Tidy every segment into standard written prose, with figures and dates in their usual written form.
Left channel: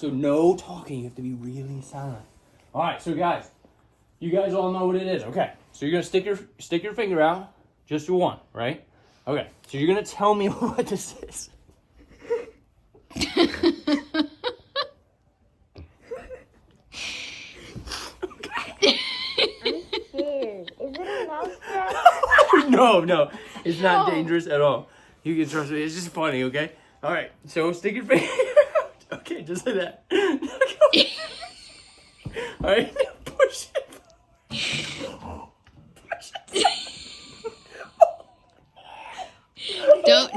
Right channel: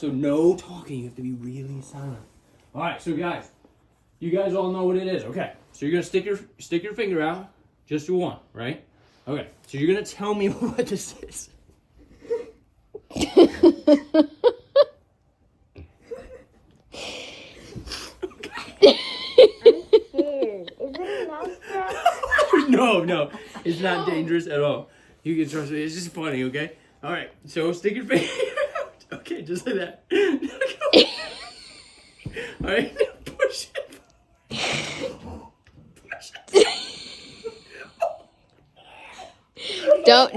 So no talking. You have to be really silent. All right, so guys, you guys all know what it is. Okay, so you're gonna stick your finger out. Just do one, right? Okay, so you're gonna tell me what this is. No, it's not dangerous at all. You can trust me. It's just funny, okay? All right, so stick your finger out. Okay, just like that. All right, push it. Push it. Don't.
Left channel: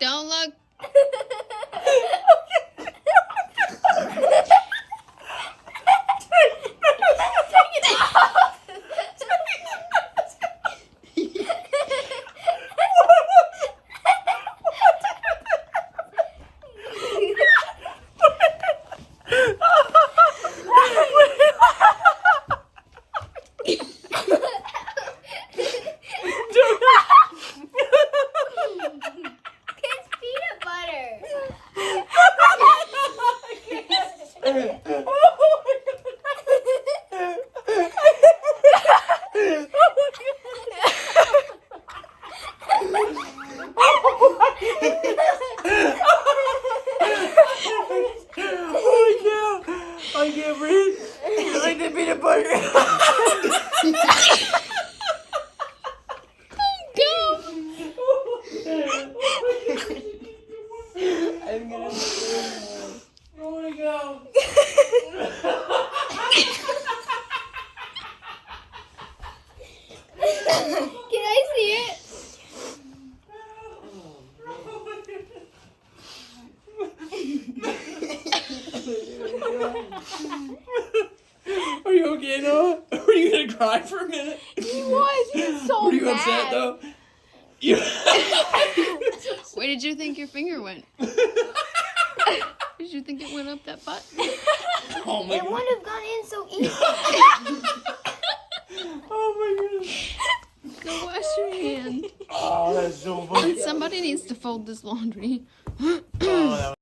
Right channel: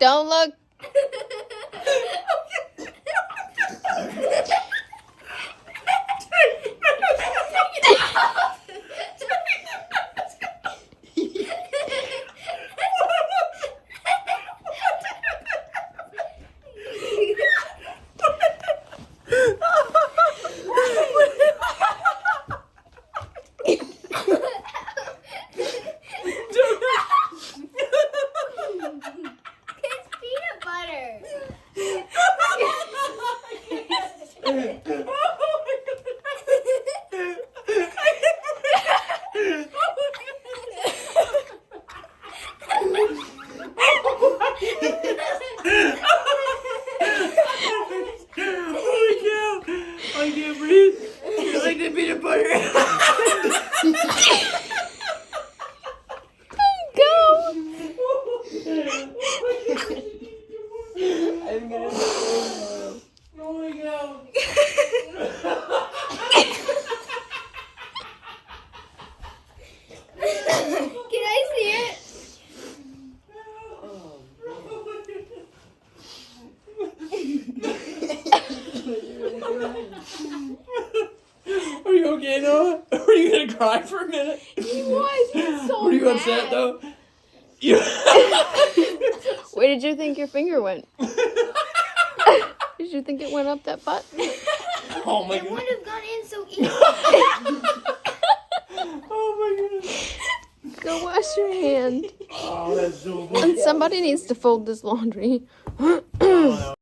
Don't look. I can't breathe. You're like the peanut butter. I'm gonna oh my god. Can I see it? Are you okay, Noah? Are you gonna cry for a minute? He was so Were you mad. upset though? You Where did you think your finger went? Did you think it went up that butt? Oh my It god. wouldn't have gone in so easy. Oh my goodness. Go wash your hand. Oh, that's so funny. Somebody needs to fold this laundry. Oh,